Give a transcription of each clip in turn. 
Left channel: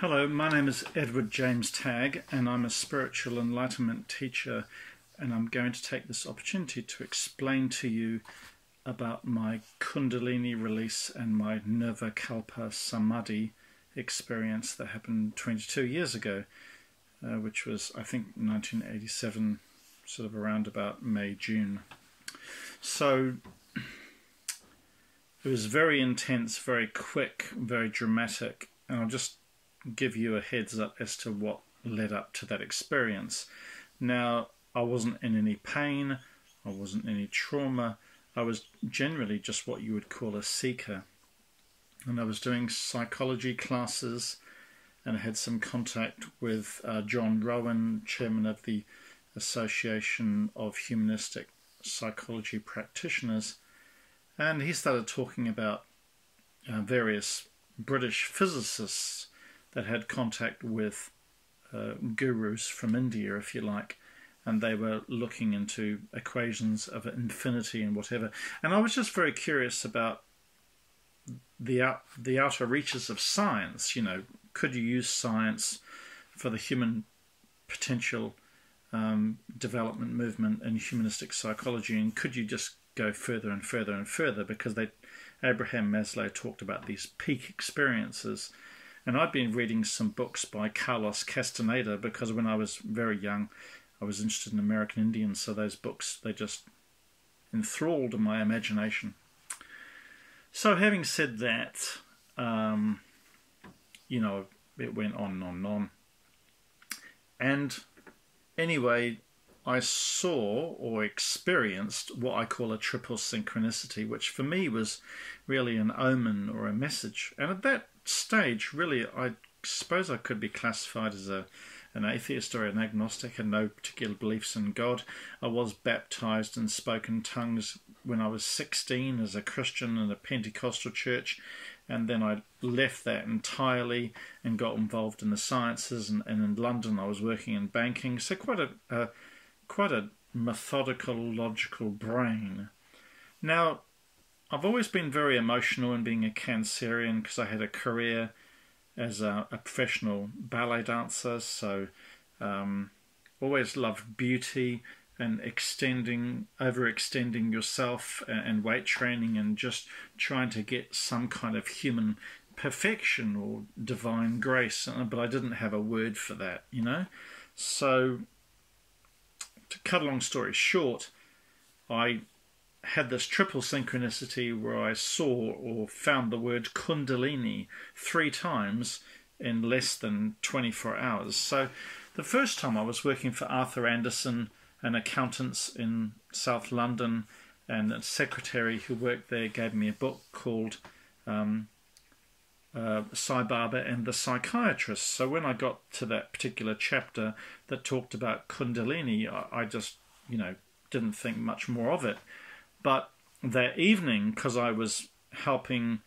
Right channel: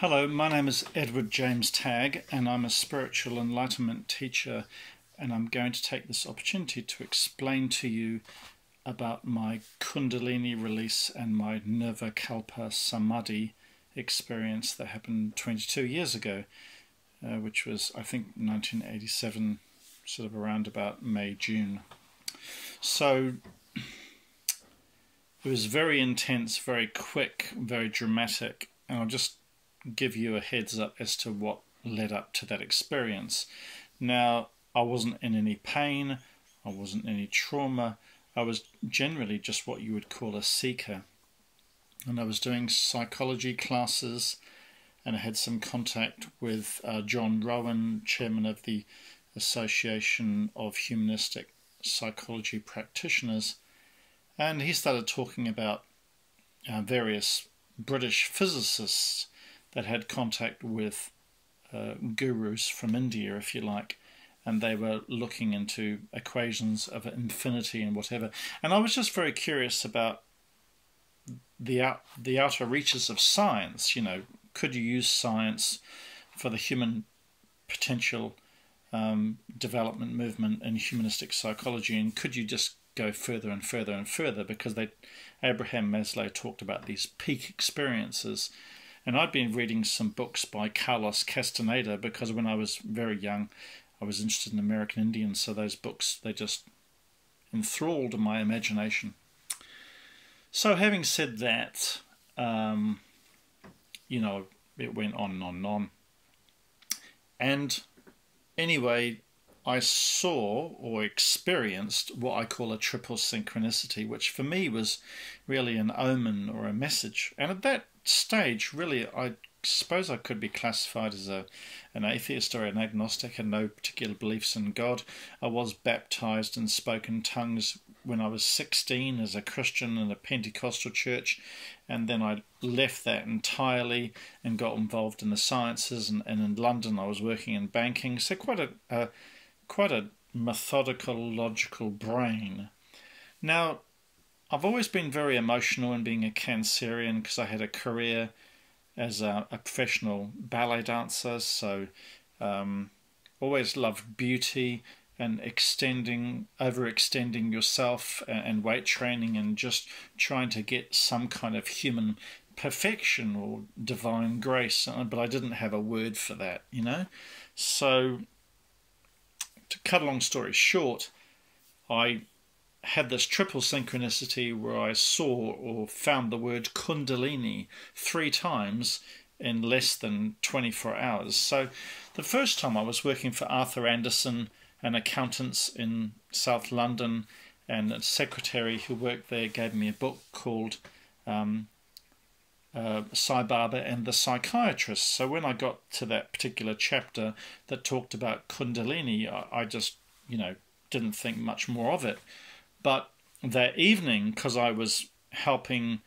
Hello, my name is Edward James Tagg and I'm a spiritual enlightenment teacher, and I'm going to take this opportunity to explain to you about my Kundalini release and my Nirvikalpa Samadhi experience that happened 22 years ago, which was, I think, 1987, sort of around about May, June. So it was very intense, very quick, very dramatic, and I'll just give you a heads up as to what led up to that experience. Now, I wasn't in any pain, I wasn't in any trauma, I was generally just what you would call a seeker. And I was doing psychology classes, and I had some contact with John Rowan, chairman of the Association of Humanistic Psychology Practitioners, and he started talking about various British physicists that had contact with gurus from India, if you like, and they were looking into equations of infinity and whatever. And I was just very curious about the outer reaches of science. You know, could you use science for the human potential development movement in humanistic psychology, and could you just go further and further and further? Because Abraham Maslow talked about these peak experiences. And I'd been reading some books by Carlos Castaneda because when I was very young, I was interested in American Indians. So those books, they just enthralled my imagination. So having said that, you know, it went on and on and on. And anyway, I saw or experienced what I call a triple synchronicity, which for me was really an omen or a message. And at that stage, really, I suppose I could be classified as an atheist or an agnostic, had no particular beliefs in God. I was baptized and spoke in tongues when I was 16 as a Christian in a Pentecostal church, and then I left that entirely and got involved in the sciences, and in London I was working in banking, so quite a methodical, logical brain. Now, I've always been very emotional in being a Cancerian because I had a career as a professional ballet dancer, so always loved beauty and overextending yourself and weight training and just trying to get some kind of human perfection or divine grace, but I didn't have a word for that, you know. So to cut a long story short, I had this triple synchronicity where I saw or found the word Kundalini 3 times in less than 24 hours. So the first time I was working for Arthur Anderson, an accountants in South London, and a secretary who worked there gave me a book called Sai Baba and the Psychiatrist. So when I got to that particular chapter that talked about Kundalini, I just, you know, didn't think much more of it. But that evening, because I was helping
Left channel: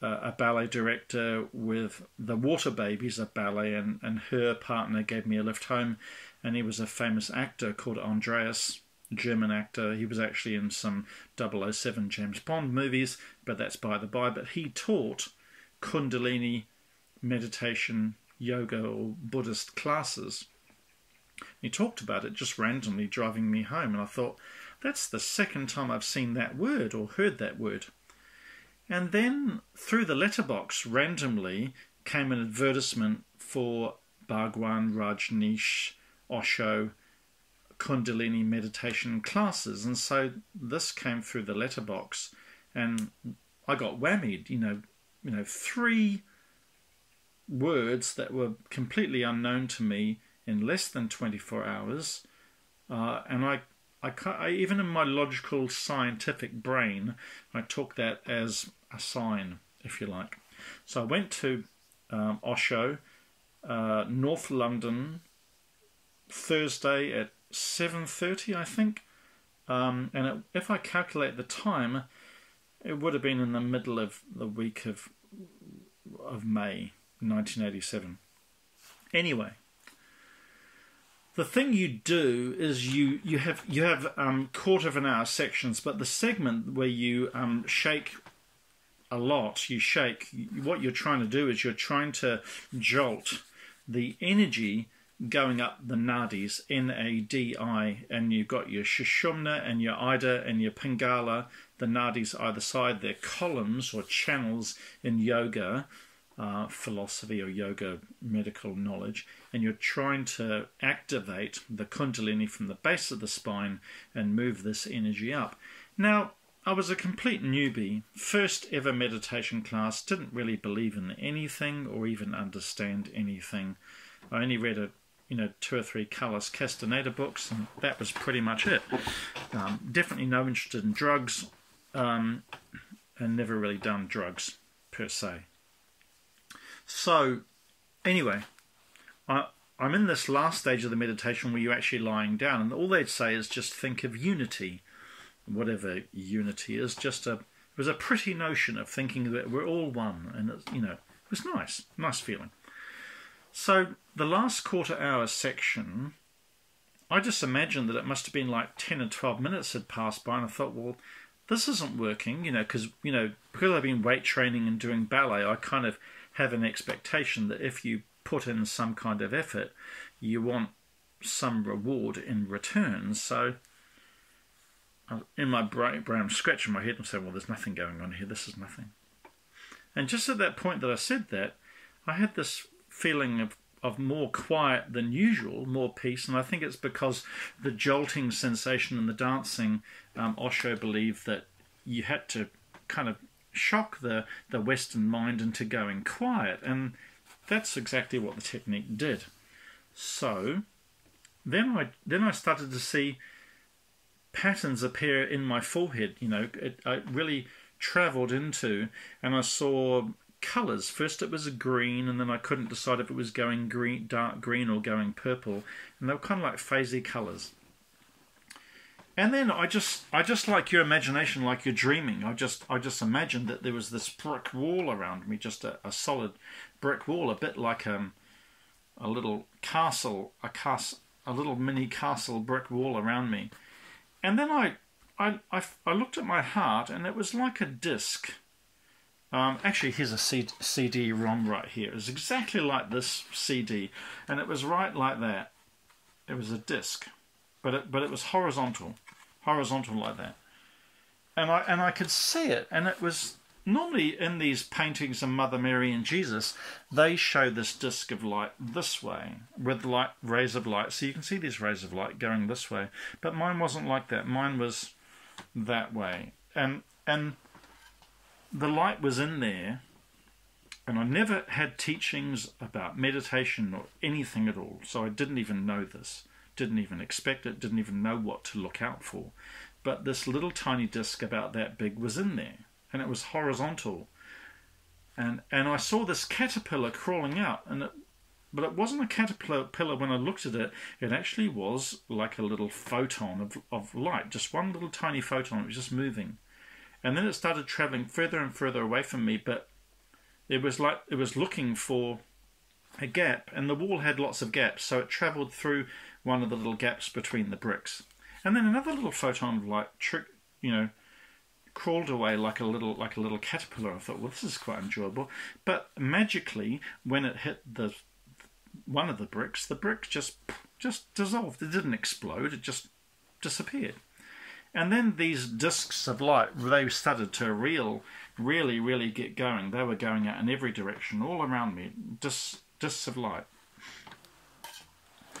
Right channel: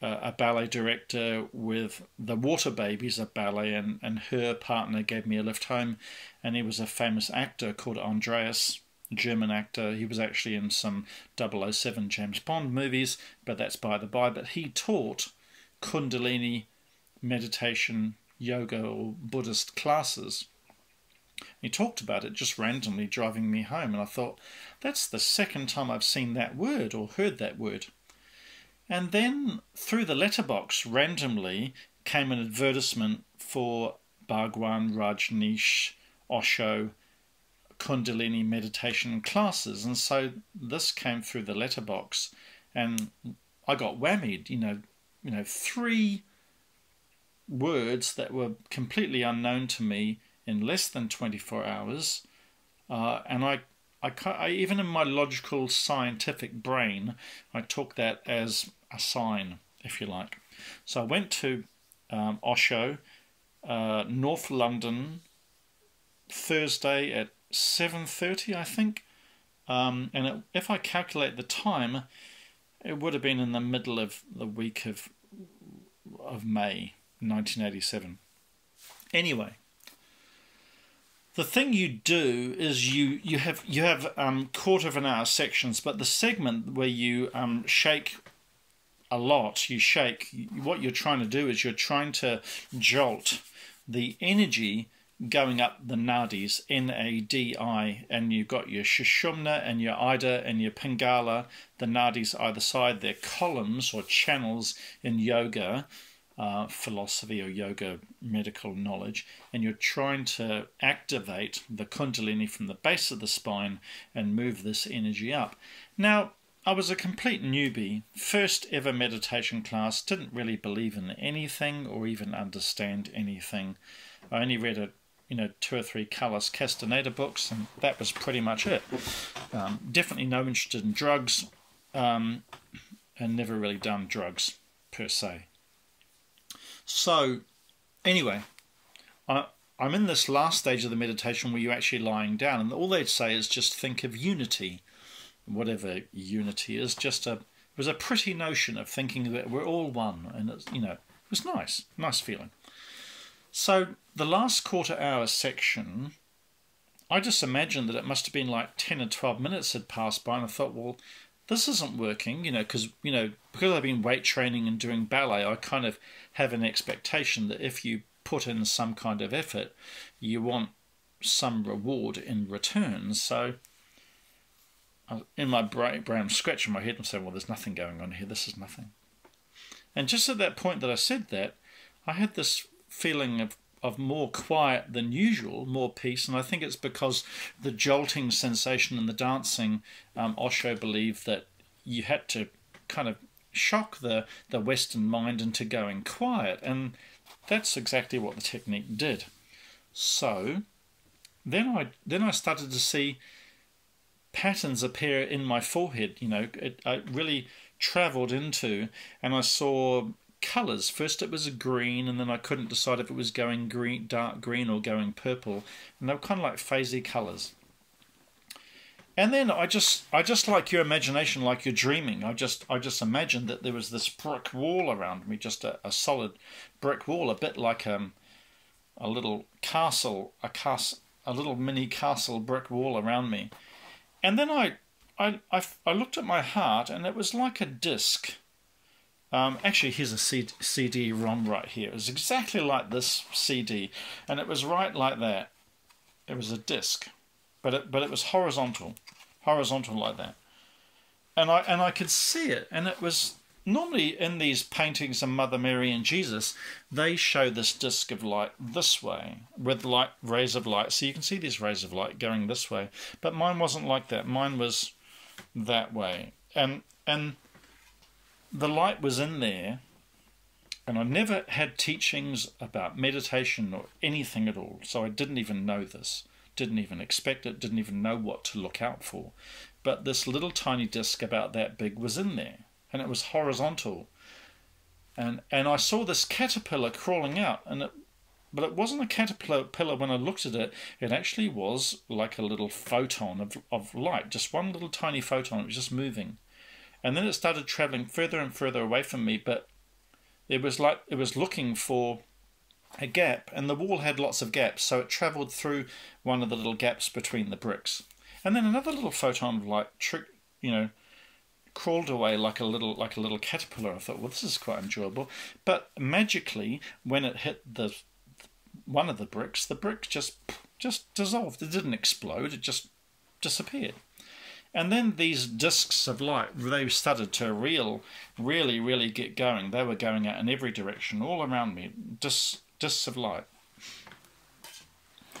a ballet director with the Water Babies, a ballet, and her partner gave me a lift home, and he was a famous actor called Andreas, German actor. He was actually in some 007 James Bond movies, but that's by the by. But he taught Kundalini meditation, yoga, or Buddhist classes. He talked about it just randomly driving me home, and I thought, that's the second time I've seen that word or heard that word. And then through the letterbox randomly came an advertisement for Bhagwan Rajneesh Osho Kundalini meditation classes, and so this came through the letterbox, and I got whammied. You know, 3 words that were completely unknown to me in less than 24 hours, and I even in my logical scientific brain, I took that as a sign, if you like. So I went to Osho, North London, Thursday at 7:30, I think. And if I calculate the time, it would have been in the middle of the week of May 1987. Anyway, the thing you do is you have quarter of an hour sections, but the segment where you shake a lot, you shake, what you're trying to do is you're trying to jolt the energy going up the nadis, N-A-D-I, and you've got your Sushumna and your Ida and your Pingala, the nadis either side. They're columns or channels in yoga philosophy or yoga medical knowledge, and you're trying to activate the Kundalini from the base of the spine and move this energy up. Now, I was a complete newbie, first ever meditation class, didn't really believe in anything or even understand anything. I only read 2 or 3 Carlos Castaneda books, and that was pretty much it. Definitely no interest in drugs, and never really done drugs per se. So, anyway, I'm in this last stage of the meditation where you're actually lying down, and all they'd say is just think of unity, whatever unity is. It was a pretty notion of thinking that we're all one, and it was nice feeling. So the last quarter hour section, I just imagined that it must have been like 10 or 12 minutes had passed by, and I thought, well, this isn't working, because I've been weight training and doing ballet, I kind of have an expectation that if you put in some kind of effort, you want some reward in return. So in my brain, I'm scratching my head and saying, well, there's nothing going on here, this is nothing. And just at that point that I said that, I had this feeling of more quiet than usual, more peace, and I think it's because the jolting sensation and the dancing, Osho believed that you had to kind of shock the Western mind into going quiet, and that's exactly what the technique did. So then I started to see patterns appear in my forehead. I really travelled into, and I saw colours. First it was a green, and then I couldn't decide if it was going green, dark green, or going purple, and they were kind of like phasey colours. And then I just like your imagination, like you're dreaming. I just imagined that there was this brick wall around me, just a solid brick wall, a bit like a little castle, a little mini castle brick wall around me. And then I looked at my heart, and it was like a disc. Actually, here's a CD-ROM right here. It was exactly like this CD, and it was right like that. It was a disc, but it was horizontal like that. And I could see it, and it was normally in these paintings of Mother Mary and Jesus, they show this disc of light this way with rays of light. So you can see these rays of light going this way, but mine wasn't like that. Mine was that way, and the light was in there, and I never had teachings about meditation or anything at all, so I didn't even know this, didn't even expect it, didn't even know what to look out for. But this little tiny disc about that big was in there, and it was horizontal. And I saw this caterpillar crawling out, but it wasn't a caterpillar when I looked at it. It actually was like a little photon of light, just one little tiny photon. It was just moving. And then it started travelling further and further away from me, but it was like it was looking for a gap, and the wall had lots of gaps, so it travelled through one of the little gaps between the bricks. And then another little photon of light, crawled away like a little caterpillar. I thought, well, this is quite enjoyable. But magically, when it hit one of the bricks, the brick just dissolved. It didn't explode. It just disappeared. And then these discs of light, they started to really get going. They were going out in every direction, all around me, discs of light.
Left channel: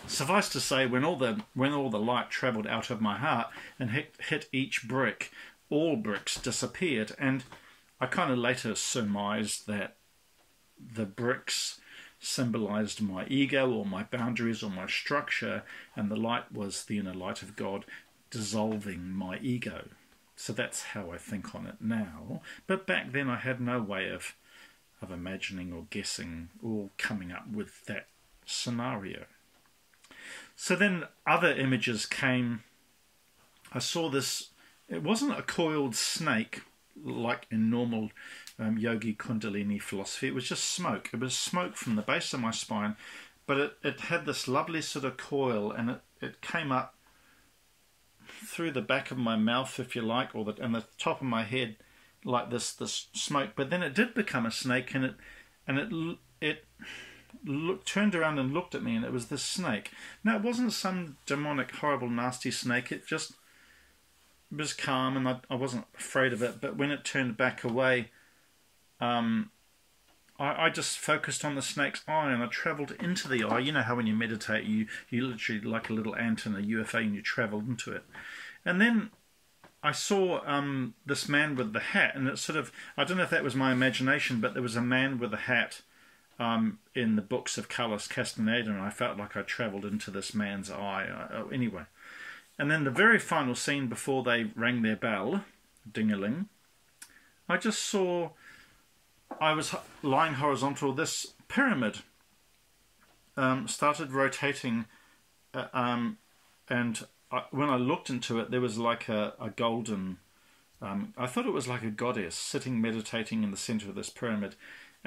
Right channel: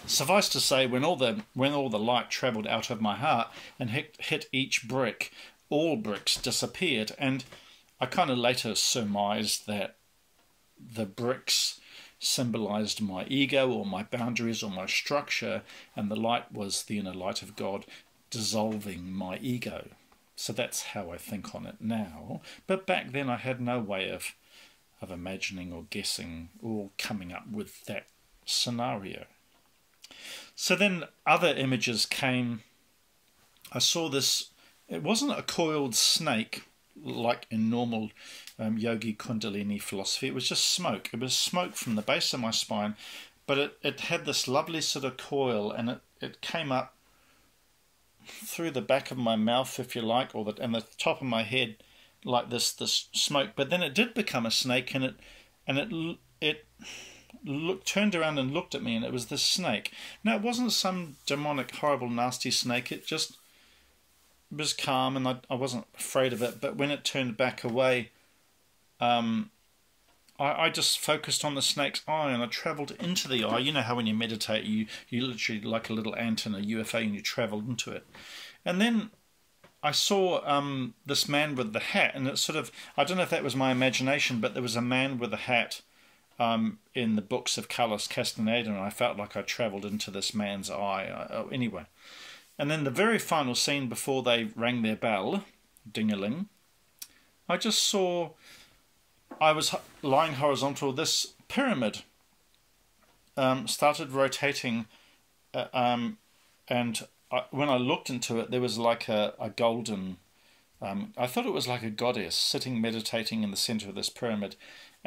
Suffice to say, when all the light travelled out of my heart and hit each brick, all bricks disappeared. And I kind of later surmised that the bricks symbolized my ego or my boundaries or my structure, and the light was the inner light of God dissolving my ego. So that's how I think on it now. But back then I had no way of imagining or guessing or coming up with that scenario. So then other images came. I saw this, it wasn't a coiled snake like in normal yogi Kundalini philosophy. It was just smoke. It was smoke from the base of my spine, but it had this lovely sort of coil, and it came up through the back of my mouth, if you like, and the top of my head, like this smoke, but then it did become a snake, and it turned around and looked at me, and it was this snake. Now, it wasn't some demonic, horrible, nasty snake. It just was calm, and I wasn't afraid of it. But when it turned back away, I just focused on the snake's eye, and I travelled into the eye. You know how when you meditate, you literally, like a little ant in a UFO, and you travelled into it. And then I saw this man with the hat, and it sort of, I don't know if that was my imagination, but there was a man with a hat in the books of Carlos Castaneda, and I felt like I travelled into this man's eye. Anyway. And then the very final scene before they rang their bell, ding-a-ling, I just saw, I was lying horizontal, this pyramid started rotating, and when I looked into it, there was like a golden, I thought it was like a goddess sitting meditating in the centre of this pyramid.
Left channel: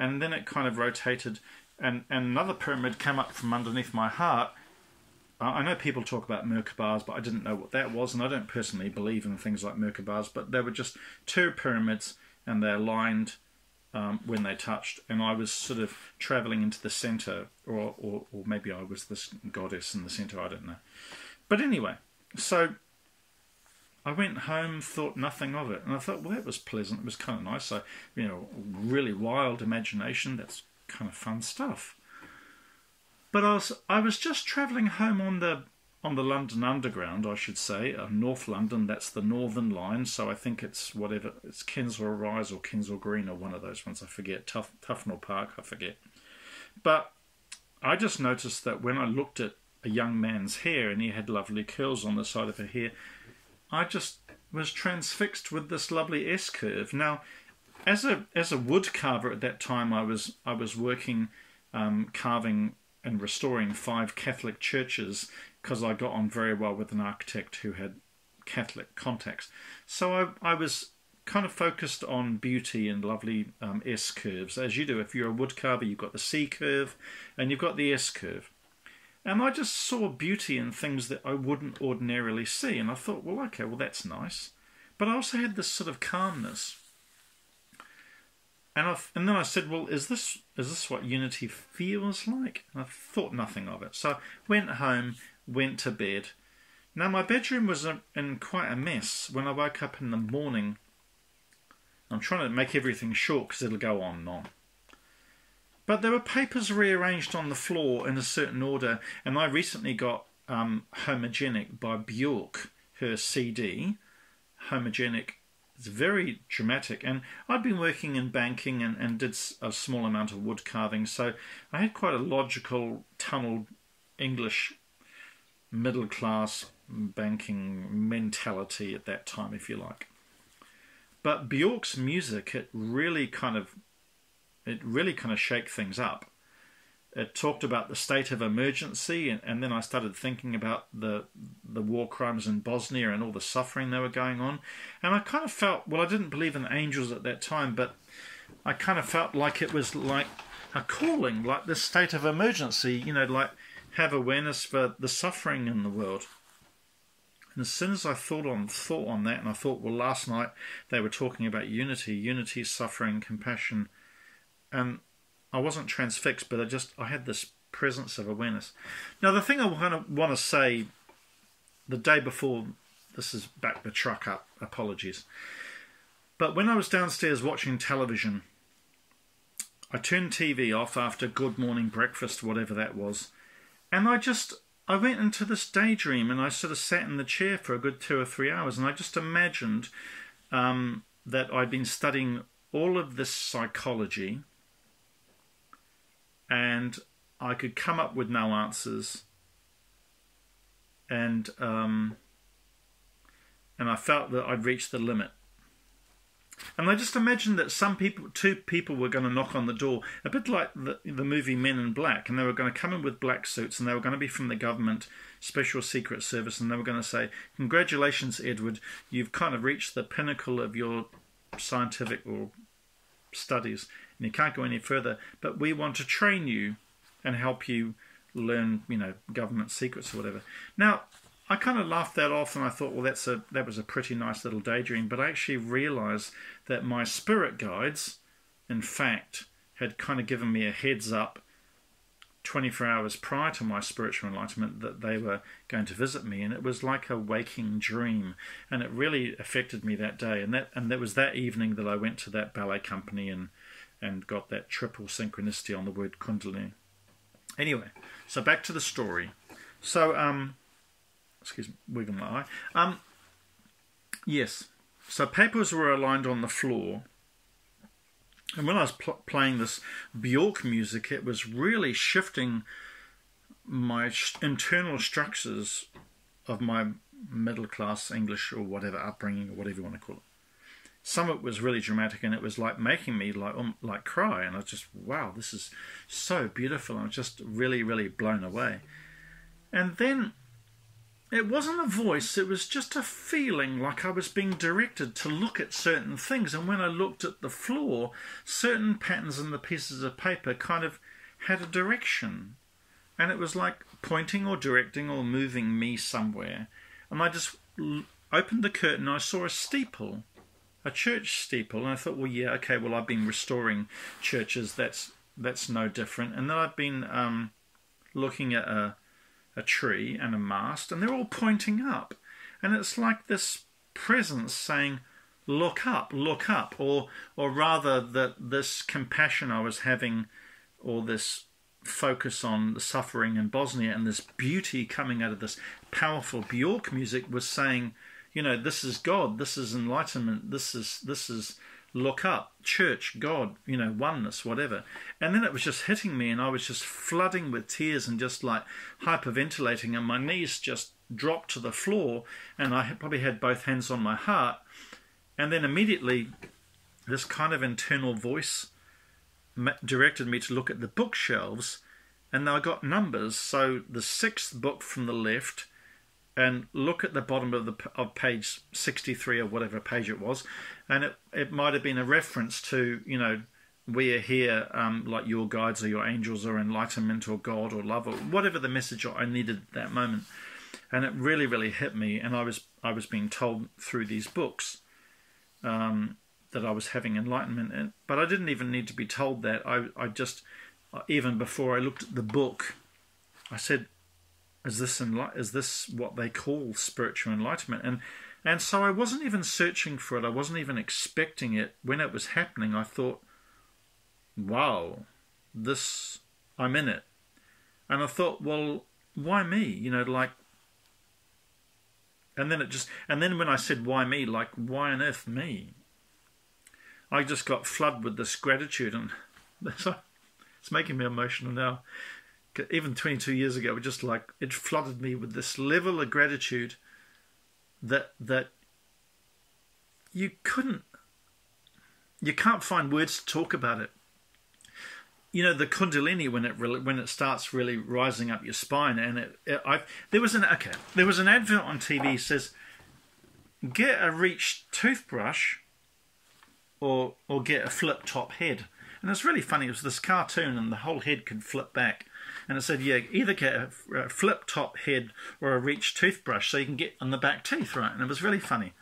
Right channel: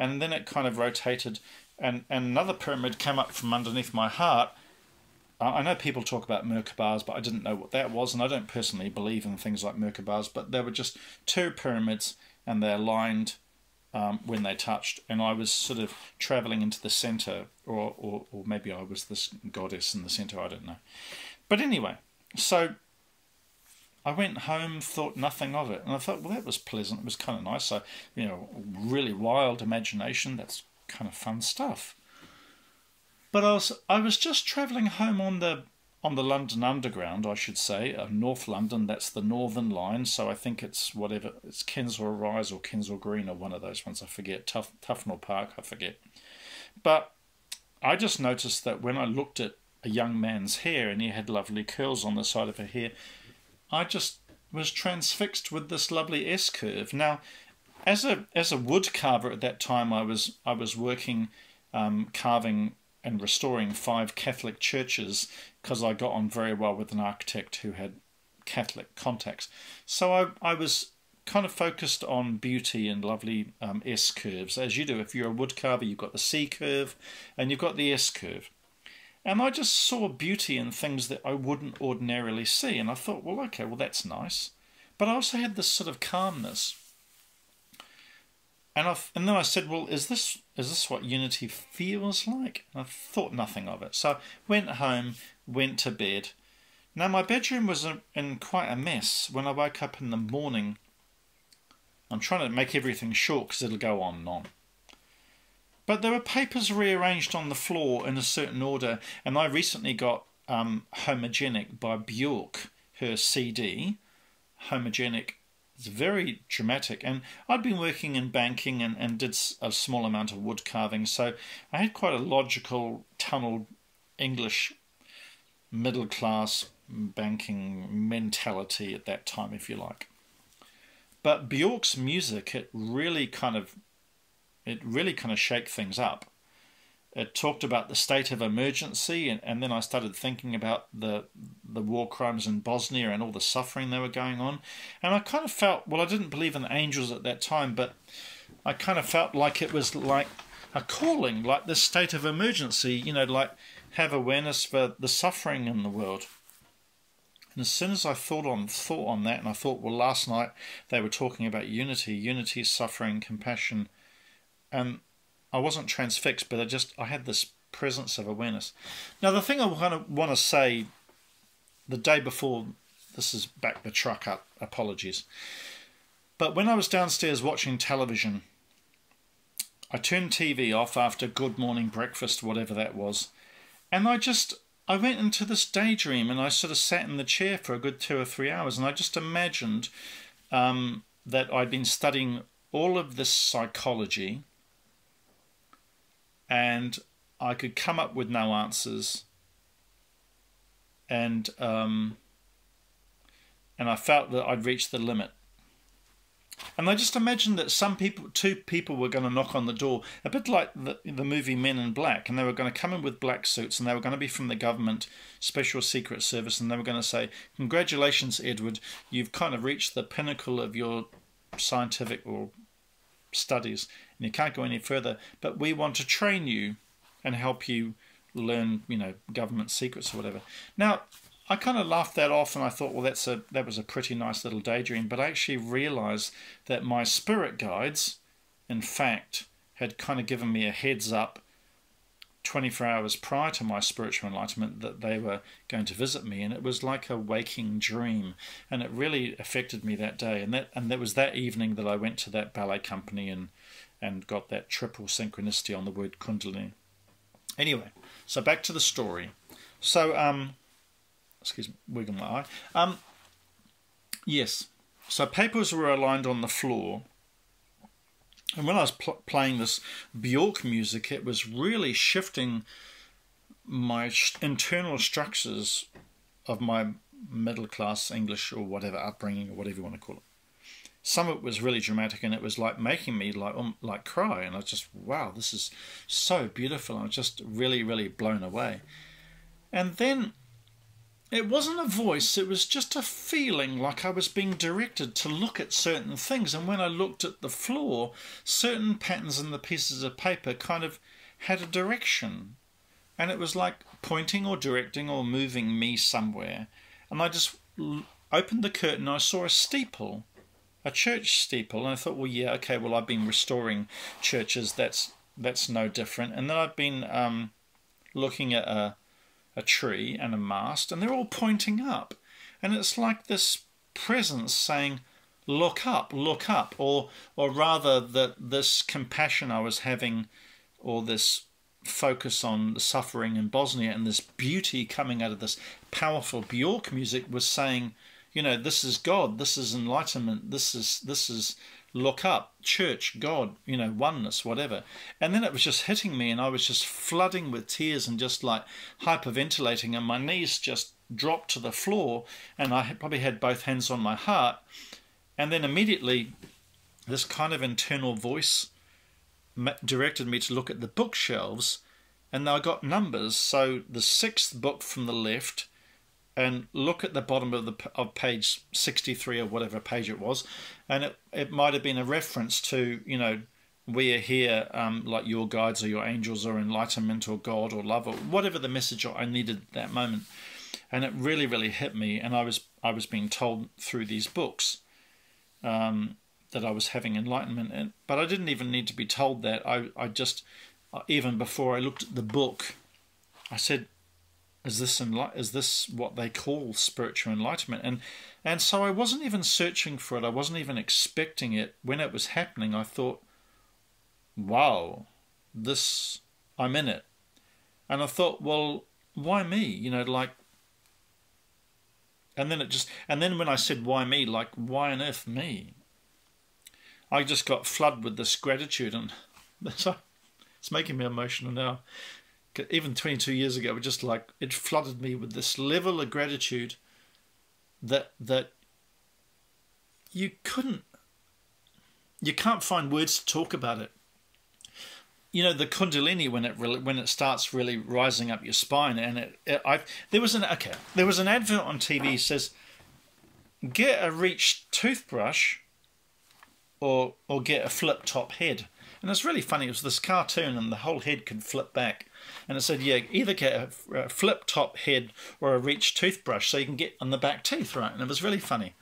And then it kind of rotated, and another pyramid came up from underneath my heart. I know people talk about Merkabahs, but I didn't know what that was, and I don't personally believe in things like Merkabahs, but there were just two pyramids, and they aligned when they touched, and I was sort of travelling into the centre, or maybe I was this goddess in the centre, I don't know. But anyway, so I went home, thought nothing of it, and I thought, well, that was pleasant. It was kind of nice. So, you know, really wild imagination. That's kind of fun stuff. But I was just travelling home on the London Underground, I should say, North London. That's the Northern Line. So I think it's whatever, it's Kensal Rise or Kensal Green or one of those ones. I forget. Tufnell Park. I forget. But I just noticed that when I looked at a young man's hair, and he had lovely curls on the side of her hair, I just was transfixed with this lovely S-curve. Now, as a wood carver at that time, I was working carving and restoring 5 Catholic churches, because I got on very well with an architect who had Catholic contacts. So I was kind of focused on beauty and lovely S-curves, as you do. If you're a wood carver, you've got the C-curve and you've got the S-curve. And I just saw beauty in things that I wouldn't ordinarily see. And I thought, well, okay, well, that's nice. But I also had this sort of calmness. And then I said, well, is this what unity feels like? And I thought nothing of it. So I went home, went to bed. Now, my bedroom was in quite a mess. When I woke up in the morning, I'm trying to make everything short because it'll go on and on. But there were papers rearranged on the floor in a certain order, and I recently got Homogenic by Bjork, her CD. Homogenic is very dramatic, and I'd been working in banking and did a small amount of wood carving, so I had quite a logical, tunneled English middle-class banking mentality at that time, if you like. But Bjork's music, it really kind of shake things up. It talked about the state of emergency, and then I started thinking about the war crimes in Bosnia and all the suffering they were going on. And I kind of felt, well, I didn't believe in angels at that time, but I kind of felt like it was like a calling, like this state of emergency, you know, like have awareness for the suffering in the world. And as soon as I thought on that, and I thought, well, last night they were talking about unity, suffering, compassion, and I wasn't transfixed, but I had this presence of awareness. Now, the thing I want to say, the day before, this is back the truck up, apologies, but when I was downstairs watching television, I turned TV off after Good Morning Breakfast, whatever that was, and I went into this daydream, and I sort of sat in the chair for a good 2 or 3 hours, and I just imagined that I'd been studying all of this psychology, and I could come up with no answers, and I felt that I'd reached the limit. And I just imagined that two people were going to knock on the door, a bit like the movie Men in Black, and they were going to come in with black suits, and they were going to be from the government special secret service, and they were going to say, "Congratulations, Edward, you've kind of reached the pinnacle of your scientific or studies, and you can't go any further, but we want to train you and help you learn, you know, government secrets or whatever." Now, I kind of laughed that off, and I thought, well, that was a pretty nice little daydream. But I actually realised that my spirit guides, in fact, had kind of given me a heads up 24 hours prior to my spiritual enlightenment that they were going to visit me, and it was like a waking dream, and it really affected me that day. And that was that evening that I went to that ballet company and got that triple synchronicity on the word Kundalini. Anyway, so back to the story. So, excuse me, wiggling my eye. Yes, so papers were aligned on the floor. And when I was playing this Bjork music, it was really shifting my internal structures of my middle-class English or whatever upbringing, or whatever you want to call it. Some of it was really dramatic, and it was like making me like cry. And I was just, wow, this is so beautiful. I was just really, really blown away. And then it wasn't a voice, it was just a feeling like I was being directed to look at certain things. And when I looked at the floor, certain patterns in the pieces of paper kind of had a direction. And it was like pointing or directing or moving me somewhere. And I just opened the curtain and I saw a steeple, a church steeple. And I thought, well, yeah, okay, well, I've been restoring churches, that's no different. And then I've been looking at a tree and a mast, and they're all pointing up, and it's like this presence saying, look up, or rather that this compassion I was having, or this focus on the suffering in Bosnia and this beauty coming out of this powerful Bjork music was saying, you know, this is God, this is enlightenment, this is look up, church, God, you know, oneness, whatever. And then it was just hitting me, and I was just flooding with tears and just like hyperventilating, and my knees just dropped to the floor, and I probably had both hands on my heart. And then immediately this kind of internal voice directed me to look at the bookshelves, and I got numbers. So the 6th book from the left, and look at the bottom of page 63 or whatever page it was, and it might have been a reference to, you know, we are here, like your guides or your angels or enlightenment or God or love or whatever the message I needed at that moment. And it really, really hit me, and I was being told through these books that I was having enlightenment, but I didn't even need to be told that. I just, even before I looked at the book, I said, is this what they call spiritual enlightenment? And so I wasn't even searching for it. I wasn't even expecting it. When it was happening, I thought, wow, I'm in it. And I thought, well, why me? You know, like, and then when I said why me, like, why on earth me? I just got flooded with this gratitude, and it's making me emotional now. Even 22 years ago, it flooded me with this level of gratitude that you can't find words to talk about it. You know, the Kundalini, when it starts really rising up your spine, and there was an advert on TV that says, get a reach toothbrush or get a flip top head. And it's really funny. It was this cartoon, and the whole head could flip back. And it said, yeah, either get a flip top head or a reach toothbrush so you can get on the back teeth, right? And it was really funny.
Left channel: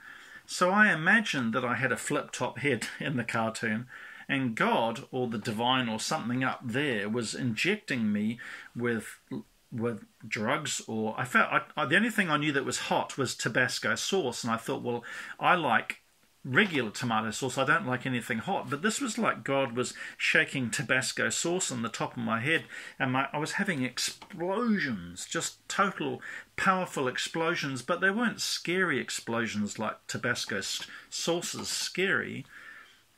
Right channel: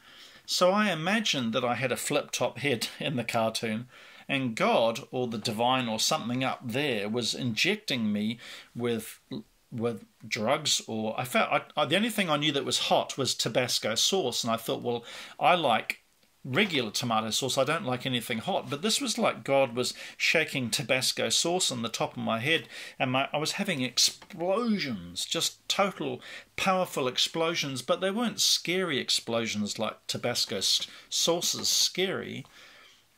So I imagined that I had a flip top head in the cartoon, and God or the divine or something up there was injecting me with drugs, or the only thing I knew that was hot was Tabasco sauce, and I thought, well, I like regular tomato sauce, I don't like anything hot. But this was like God was shaking Tabasco sauce on the top of my head, and I was having explosions, just total powerful explosions, but they weren't scary explosions like Tabasco sauce is scary.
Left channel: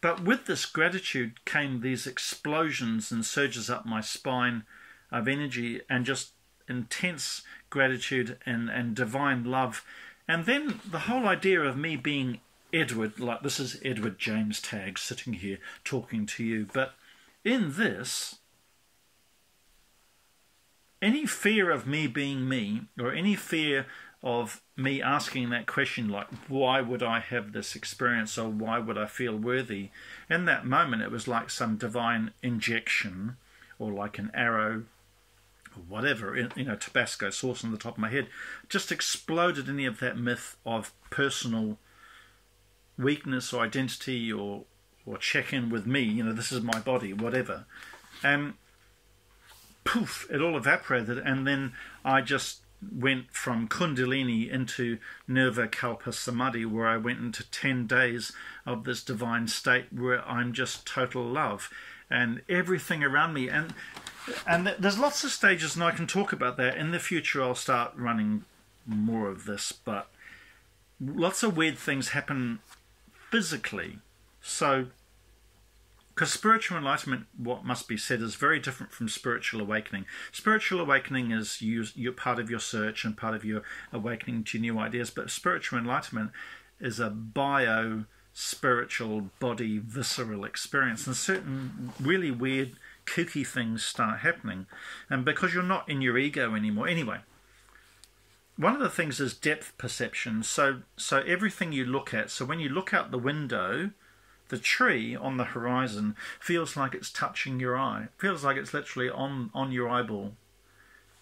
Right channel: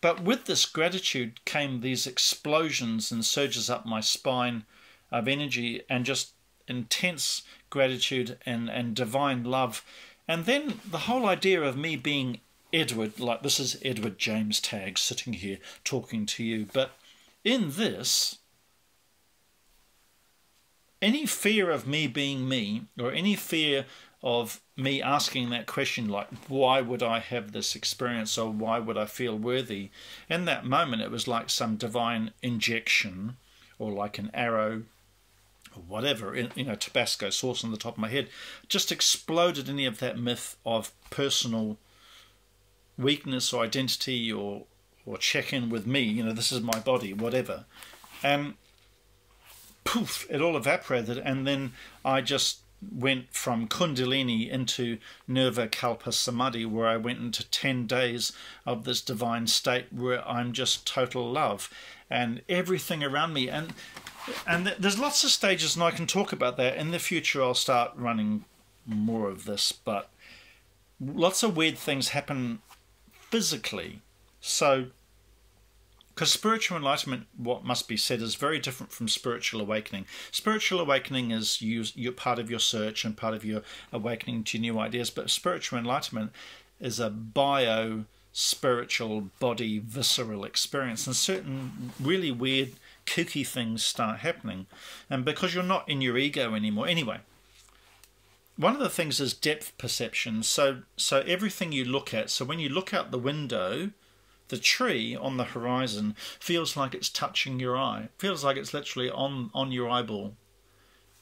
But with this gratitude came these explosions and surges up my spine of energy, and just intense gratitude and divine love. And then the whole idea of me being Edward, like this is Edward James Tagg sitting here talking to you, but in this, any fear of me being me, or any fear of me asking that question, like, why would I have this experience, or why would I feel worthy? In that moment, it was like some divine injection, or like an arrow or whatever, you know, Tabasco sauce on the top of my head, just exploded any of that myth of personal weakness or identity or check in with me, you know, this is my body, whatever. And poof, it all evaporated, and then I just went from Kundalini into Nirvikalpa Samadhi, where I went into 10 days of this divine state where I'm just total love, and everything around me. And there's lots of stages, and I can talk about that. In the future, I'll start running more of this, but lots of weird things happen physically. So, because spiritual enlightenment, what must be said, is very different from spiritual awakening. Spiritual awakening is you're part of your search and part of your awakening to new ideas, but spiritual enlightenment is a bio-spiritual, body, visceral experience, and certain really weird, kooky things start happening. And because you're not in your ego anymore. Anyway, one of the things is depth perception. So everything you look at, so when you look out the window, the tree on the horizon feels like it's touching your eye. It feels like it's literally on your eyeball.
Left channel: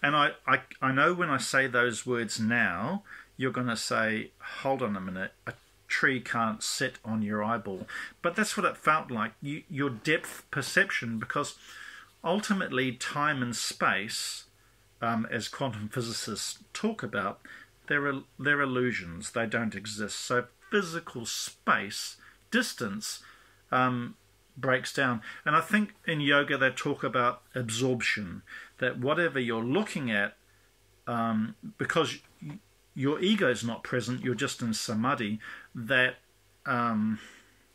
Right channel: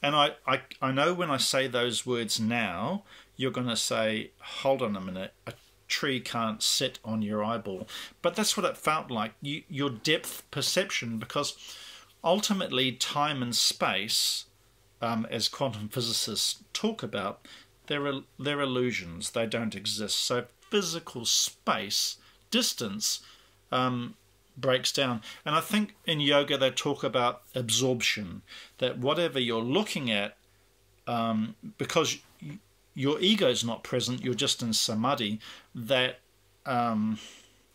And I know when I say those words now, you're going to say, hold on a minute, a tree can't sit on your eyeball. But that's what it felt like, your depth perception, because ultimately time and space, as quantum physicists talk about, they're illusions. They don't exist. So physical space, distance, breaks down. And I think in yoga they talk about absorption, that whatever you're looking at, because your ego's not present, you're just in samadhi, that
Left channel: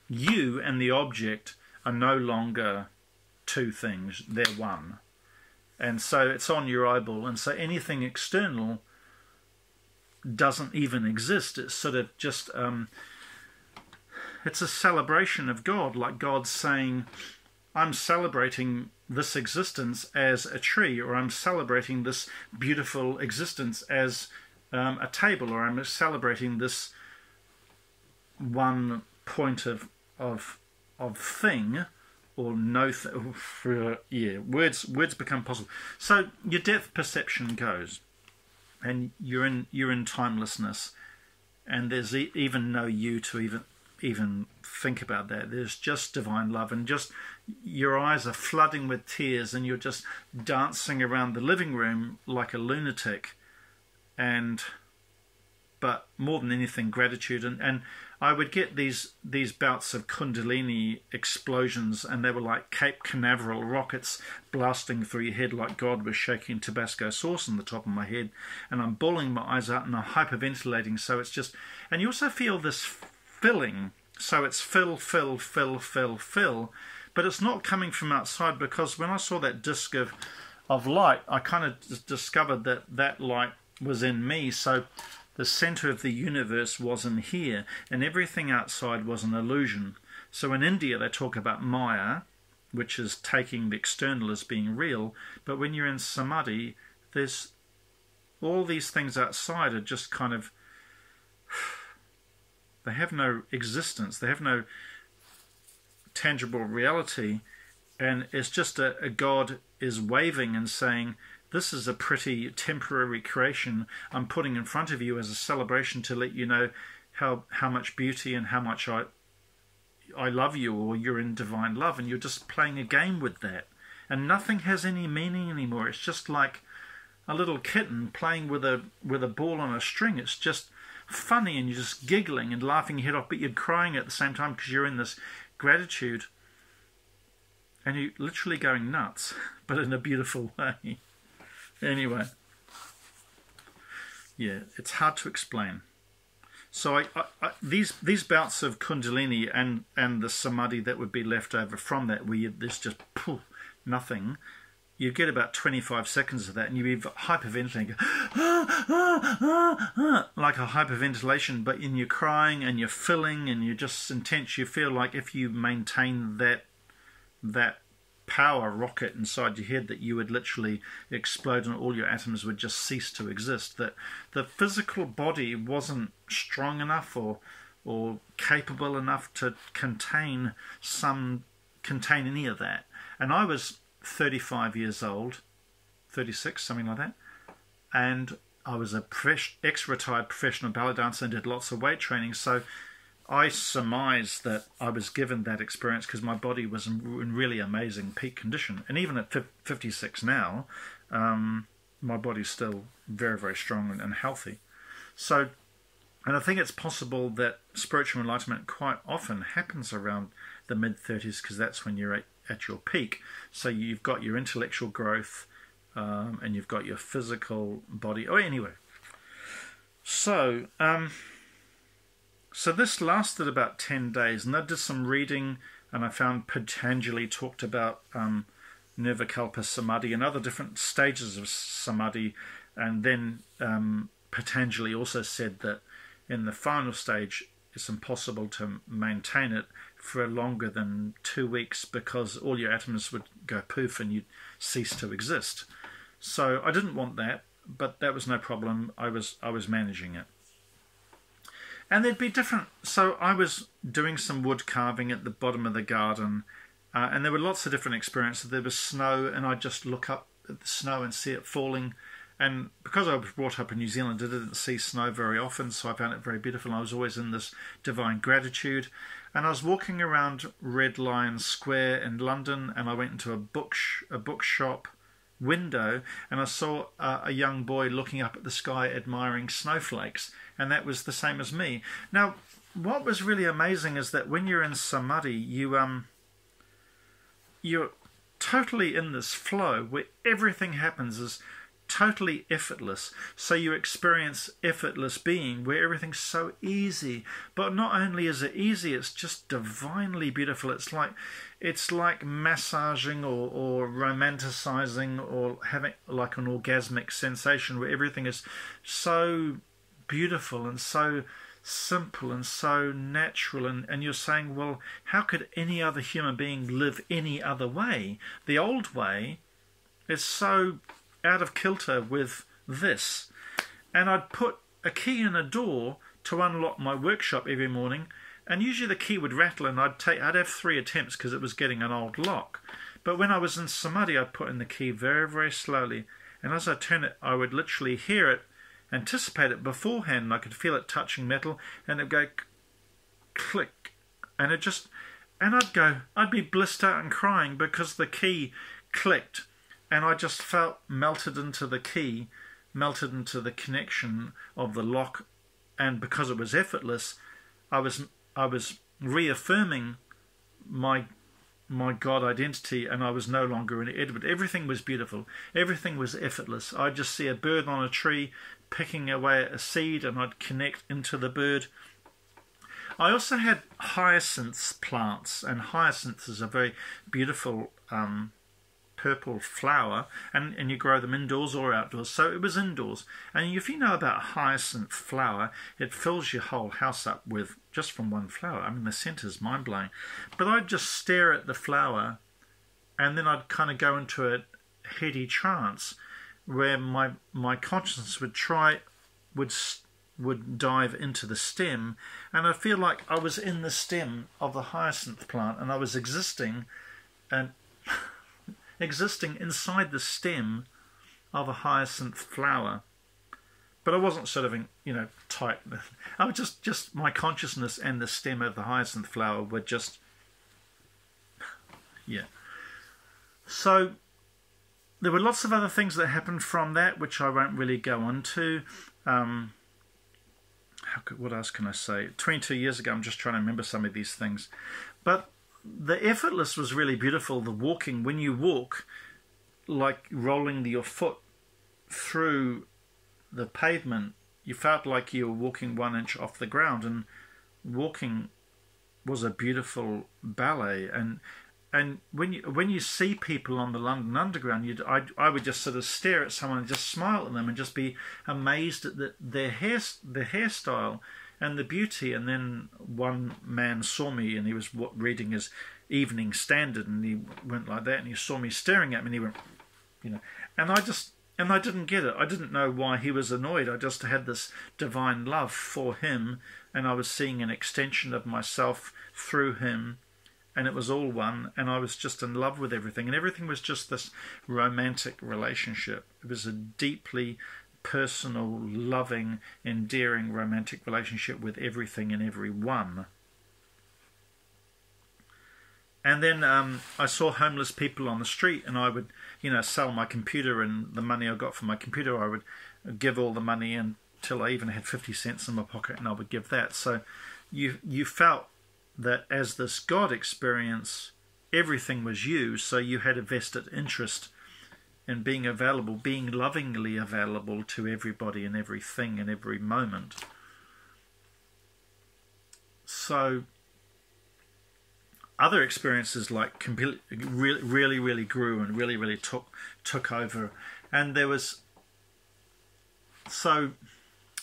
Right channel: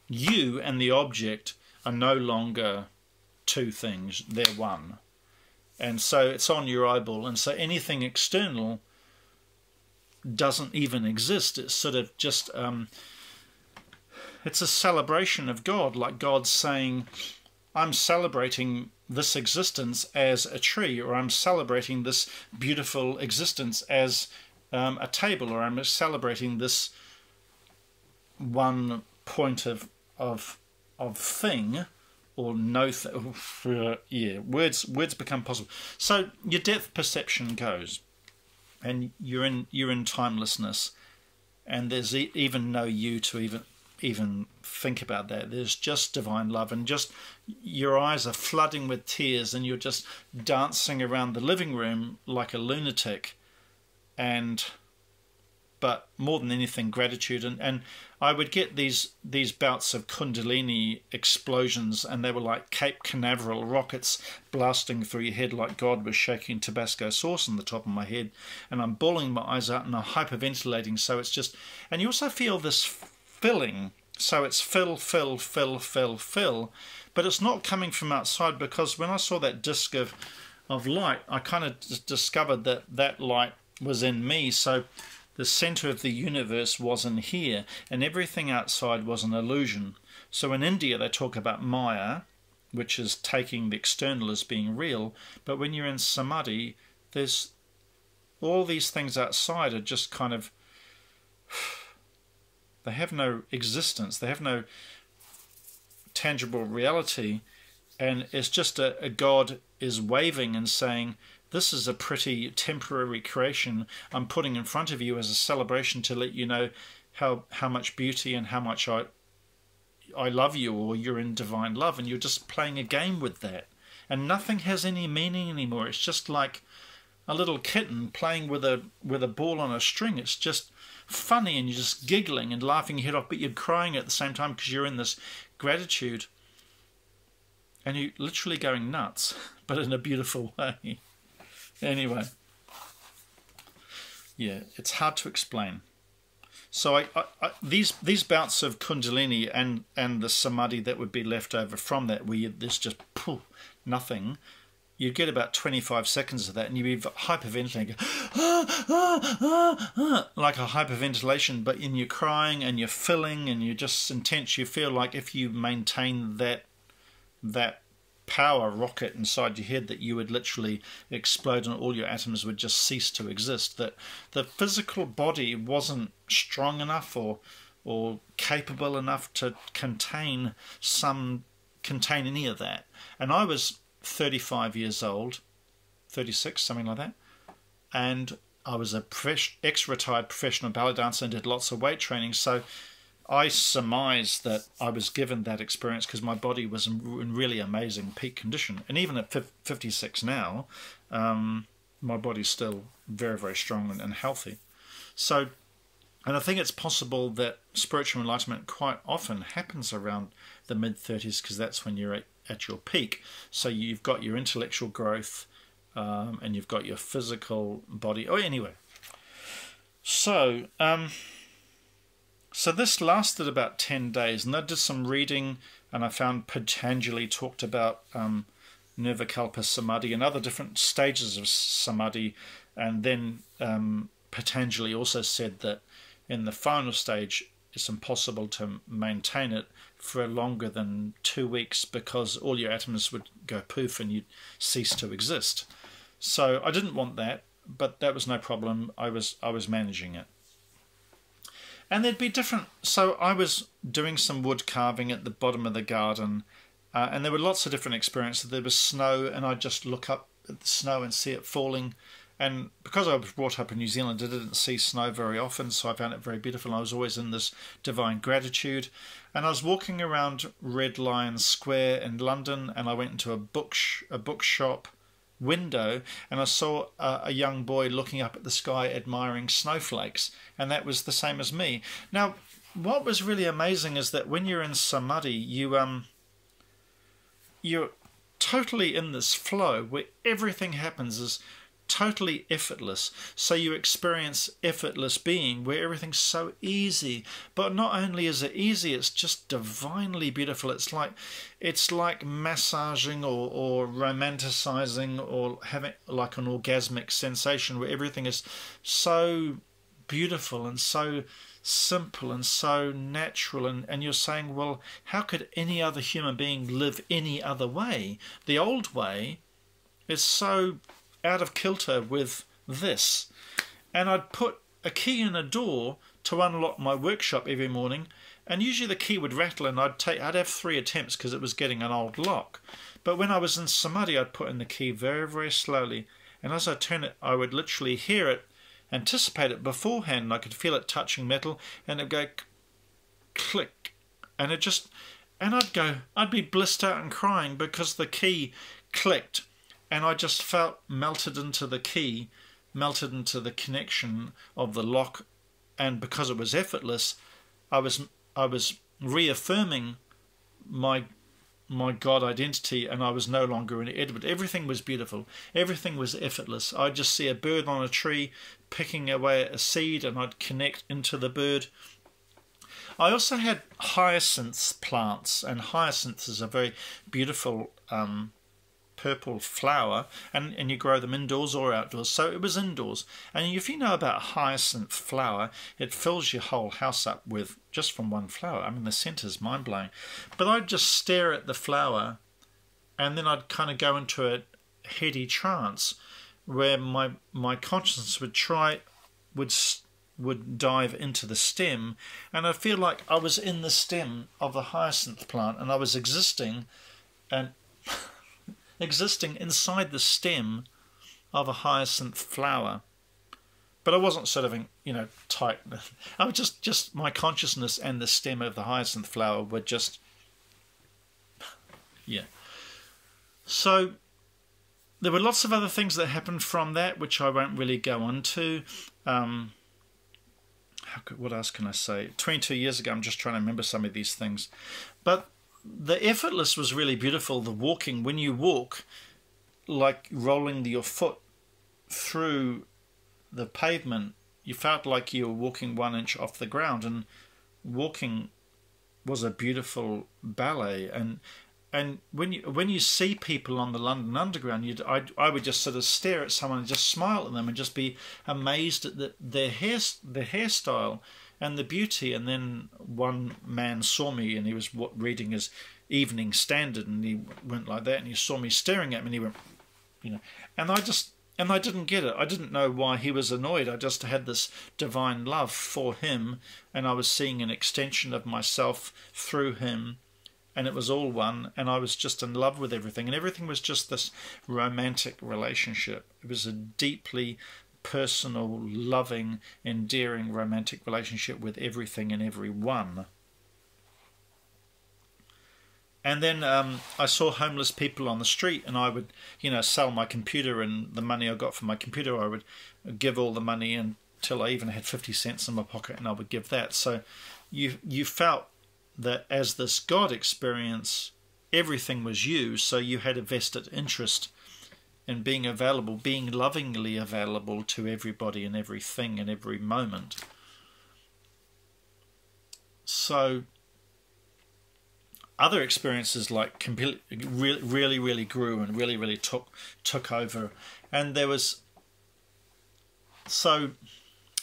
you and the object are no longer two things, they're one. And so it's on your eyeball, and so anything external doesn't even exist. It's sort of just it's a celebration of God, like God's saying, I'm celebrating this existence as a tree, or I'm celebrating this beautiful existence as a table, or I'm celebrating this one point of thing, or no yeah, words become possible. So your depth perception goes, and you're in timelessness, and there's even no you to even think about that. There's just divine love, and just your eyes are flooding with tears, and you're just dancing around the living room like a lunatic. But more than anything, gratitude. And I would get these bouts of Kundalini explosions, and they were like Cape Canaveral rockets blasting through your head, like God was shaking Tabasco sauce on the top of my head, and I'm bawling my eyes out and I'm hyperventilating. So it's just, and you also feel this filling. So it's fill, but it's not coming from outside, because when I saw that disc of light, I kind of discovered that light was in me. So the center of the universe was in here, and everything outside was an illusion. So in India they talk about Maya, which is taking the external as being real, but when you're in Samadhi, there's all these things outside are just kind of, they have no existence, they have no tangible reality, and it's just a God is waving and saying, this is a pretty temporary creation I'm putting in front of you as a celebration to let you know how much beauty and how much I love you, or you're in divine love, and you're just playing a game with that. And nothing has any meaning anymore. It's just like a little kitten playing with a ball on a string. It's just funny, and you're just giggling and laughing your head off, but you're crying at the same time because you're in this gratitude. And you're literally going nuts, but in a beautiful way. Anyway, yeah, it's hard to explain. So these bouts of Kundalini and the Samadhi that would be left over from that, where there's just poof, nothing, you get about 25 seconds of that, and you'd be hyperventilating, like a hyperventilation, but in you're crying and you're filling and you're just intense. You feel like if you maintain that power rocket inside your head, that you would literally explode and all your atoms would just cease to exist, that the physical body wasn't strong enough or capable enough to contain any of that. And I was 35 years old, 36, something like that. And I was a ex-retired professional ballet dancer and did lots of weight training. So I surmise that I was given that experience because my body was in really amazing peak condition. And even at 56 now, my body's still very, very strong and healthy. So, and I think it's possible that spiritual enlightenment quite often happens around the mid-30s because that's when you're at your peak. So you've got your intellectual growth and you've got your physical body. Oh, anyway. So, so this lasted about 10 days, and I did some reading, and I found Patanjali talked about Nirvikalpa Samadhi and other different stages of Samadhi, and then Patanjali also said that in the final stage it's impossible to maintain it for longer than 2 weeks because all your atoms would go poof and you'd cease to exist. So I didn't want that, but that was no problem. I was managing it. And there'd be different... So I was doing some wood carving at the bottom of the garden, and there were lots of different experiences. There was snow, and I'd just look up at the snow and see it falling. And because I was brought up in New Zealand, I didn't see snow very often, so I found it very beautiful. I was always in this divine gratitude. And I was walking around Red Lion Square in London, and I went into a bookshop window, and I saw a young boy looking up at the sky admiring snowflakes, and that was the same as me. Now, what was really amazing is that when you're in Samadhi, you're totally in this flow where everything happens is totally effortless. So you experience effortless being where everything's so easy. But not only is it easy, it's just divinely beautiful. It's like massaging or romanticizing or having like an orgasmic sensation where everything is so beautiful and so simple and so natural, and you're saying, well, how could any other human being live any other way? The old way is so out of kilter with this. And I'd put a key in a door to unlock my workshop every morning, and usually the key would rattle, and I'd have 3 attempts because it was getting an old lock. But when I was in Samadhi, I'd put in the key very, very slowly, and as I turn it, I would literally hear it, anticipate it beforehand, and I could feel it touching metal, and it'd go click, and I'd be blissed out and crying because the key clicked, and I just felt melted into the key, melted into the connection of the lock, and because it was effortless, I was reaffirming my God identity, and I was no longer an Edward. Everything was beautiful. Everything was effortless. I'd just see a bird on a tree picking away at a seed, and I'd connect into the bird. I also had hyacinth plants, and hyacinth is a very beautiful purple flower, and you grow them indoors or outdoors. So it was indoors. And if you know about hyacinth flower, it fills your whole house up with just from one flower. I mean, the scent is mind-blowing. But I'd just stare at the flower, and then I'd kind of go into a heady trance where my consciousness would dive into the stem, and I feel like I was in the stem of the hyacinth plant, and I was existing inside the stem of a hyacinth flower. But I wasn't sort of, tight. I was just my consciousness and the stem of the hyacinth flower were just, yeah. So there were lots of other things that happened from that, which I won't really go on to. What else can I say? 22 years ago, I'm just trying to remember some of these things. But the effortless was really beautiful. The walking, when you walk, like rolling your foot through the pavement, you felt like you were walking 1 inch off the ground, and walking was a beautiful ballet. And when you see people on the London Underground, I would just sort of stare at someone and just smile at them and just be amazed at their hairstyle and the beauty. And then one man saw me, and he was reading his Evening Standard, and he went like that, and he saw me staring at me, and he went, and I didn't get it. I didn't know why he was annoyed. I just had this divine love for him, and I was seeing an extension of myself through him. and it was all one, and I was just in love with everything, and everything was just this romantic relationship. It was a deeply personal, loving, endearing romantic relationship with everything and everyone. And then I saw homeless people on the street, and I would, sell my computer, and the money I got from my computer, I would give all the money until I even had 50 cents in my pocket, and I would give that. So you felt that as this God experience, everything was you, so you had a vested interest in being available, being lovingly available to everybody and everything in every moment. So other experiences like really grew and really took over. And there was, so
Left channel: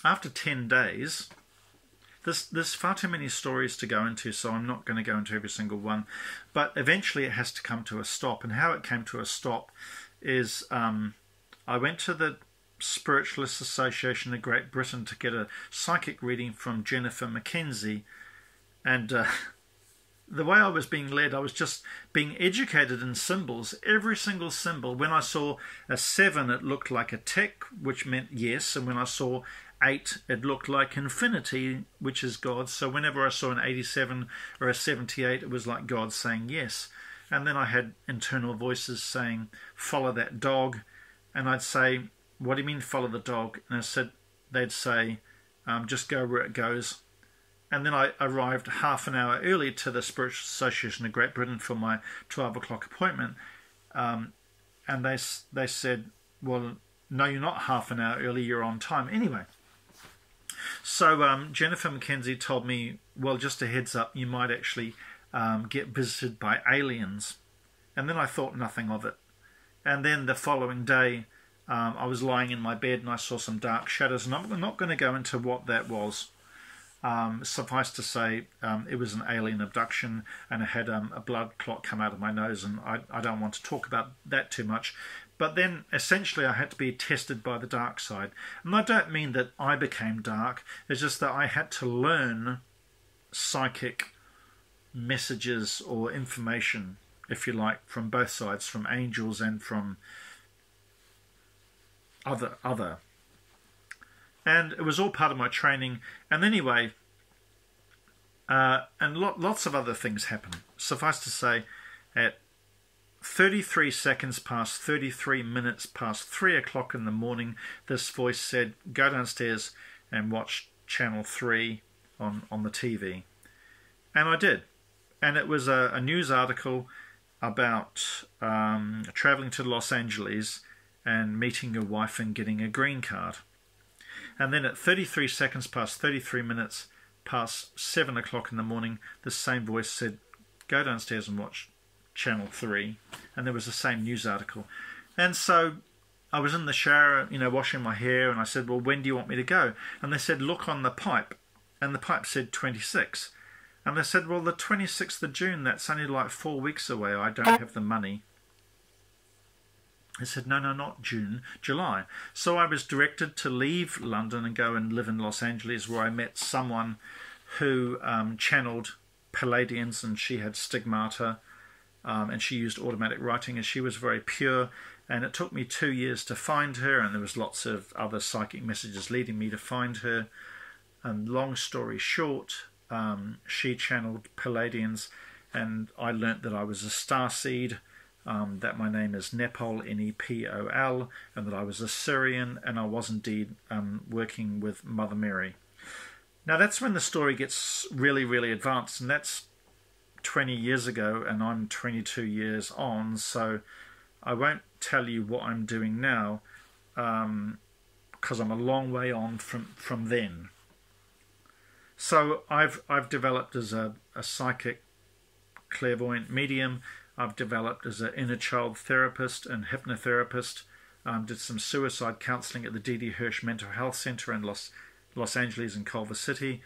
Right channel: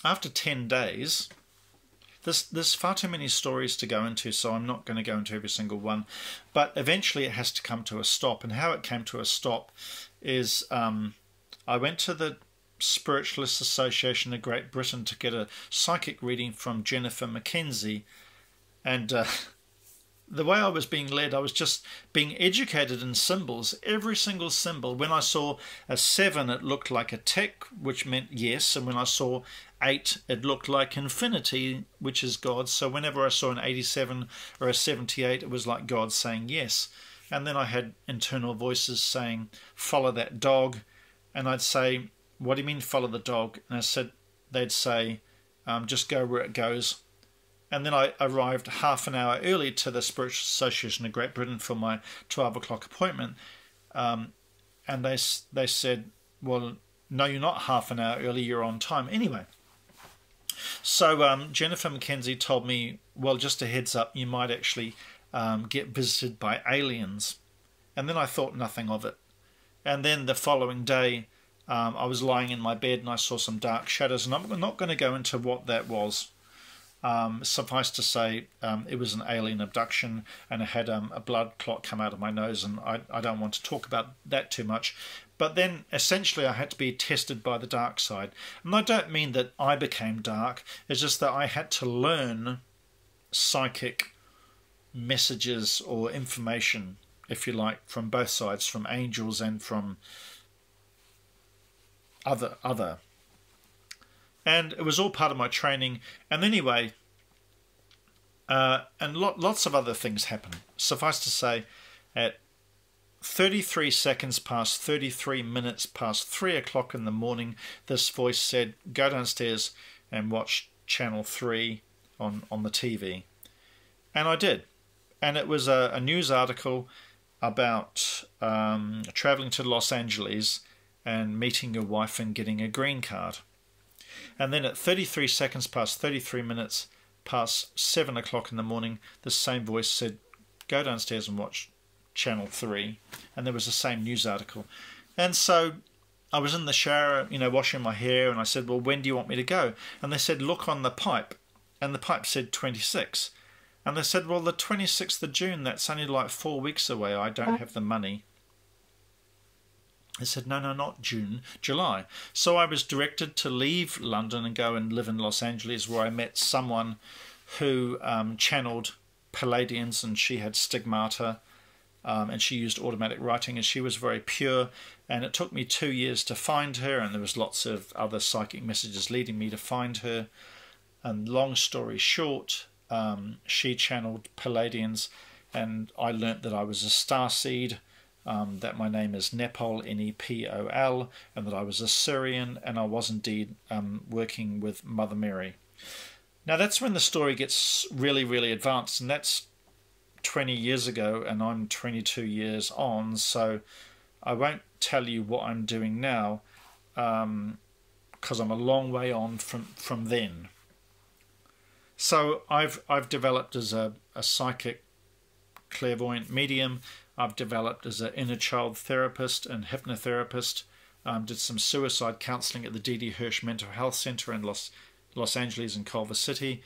after 10 days, there's far too many stories to go into, so I'm not going to go into every single one, but eventually it has to come to a stop. And how it came to a stop is I went to the Spiritualist Association of Great Britain to get a psychic reading from Jennifer Mackenzie, and the way I was being led, I was just being educated in symbols. Every single symbol. When I saw a 7, it looked like a tick, which meant yes. And when I saw 8, it looked like infinity, which is God. So whenever I saw an 87 or a 78, it was like God saying yes. And then I had internal voices saying, follow that dog. And I'd say, what do you mean follow the dog? And they'd say, just go where it goes. And then I arrived half an hour early to the Spiritual Association of Great Britain for my 12 o'clock appointment. And they said, well, no, you're not half an hour early, you're on time. Anyway, so Jennifer Mackenzie told me, well, just a heads up, you might actually get visited by aliens. And then I thought nothing of it. And then the following day, I was lying in my bed and I saw some dark shadows. And I'm not going to go into what that was. Suffice to say, it was an alien abduction, and I had a blood clot come out of my nose, and I don't want to talk about that too much. But then, essentially, I had to be tested by the dark side. And I don't mean that I became dark, it's just that I had to learn psychic messages or information, if you like, from both sides, from angels and from other. And it was all part of my training. And anyway, and lots of other things happened. Suffice to say, at 33 seconds past 33 minutes past 3 o'clock in the morning, this voice said, go downstairs and watch Channel 3 on the TV. And I did. And it was a news article about traveling to Los Angeles and meeting your wife and getting a green card. And then at 33 seconds past 33 minutes past 7 o'clock in the morning, the same voice said, go downstairs and watch Channel 3. And there was the same news article. And so I was in the shower, washing my hair, and I said, well, when do you want me to go? And they said, look on the pipe. And the pipe said 26. And they said, well, the 26th of June, that's only like 4 weeks away. I don't have the money. I said, no, not June, July. So I was directed to leave London and go and live in Los Angeles, where I met someone who channeled Palladians, and she had stigmata, and she used automatic writing, and she was very pure. And it took me 2 years to find her, and there was lots of other psychic messages leading me to find her. And long story short, she channeled Palladians, and I learnt that I was a starseed, that my name is Nepal, N-E-P-O-L, and that I was a Syrian, and I was indeed working with Mother Mary. Now that's when the story gets really advanced, and that's 20 years ago, and I'm 22 years on, so I won't tell you what I'm doing now, because I'm a long way on from then. So I've developed as a psychic clairvoyant medium. I've developed as an inner child therapist and hypnotherapist. Did some suicide counselling at the D.D. Hirsch Mental Health Center in Los Angeles and Culver City.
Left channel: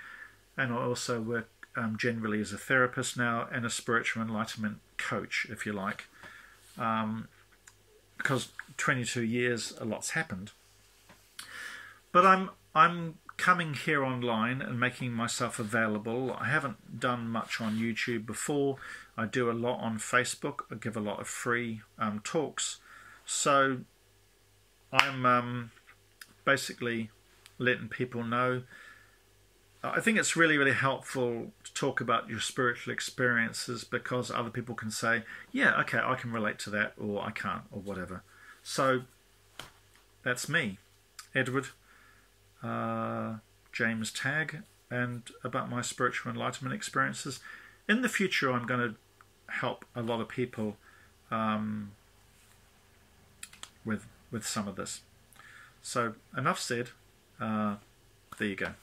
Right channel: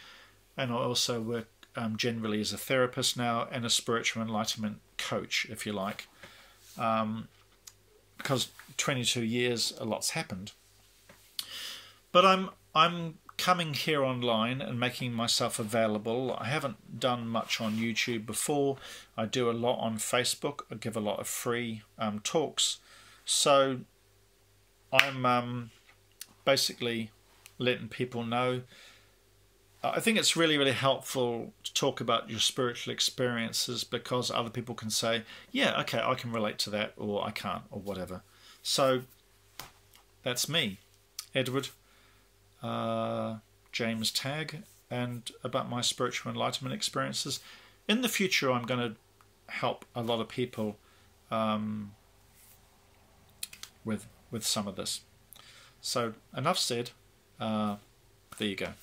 And I also work generally as a therapist now and a spiritual enlightenment coach, if you like. Because 22 years, a lot's happened. But I'm coming here online and making myself available. I haven't done much on YouTube before. I do a lot on Facebook. I give a lot of free talks. So I'm basically letting people know. I think it's really, really helpful to talk about your spiritual experiences, because other people can say, yeah, okay, I can relate to that, or I can't, or whatever. So that's me, Edward, James Tagg, and about my spiritual enlightenment experiences. In the future, I'm going to help a lot of people with some of this. So enough said. There you go.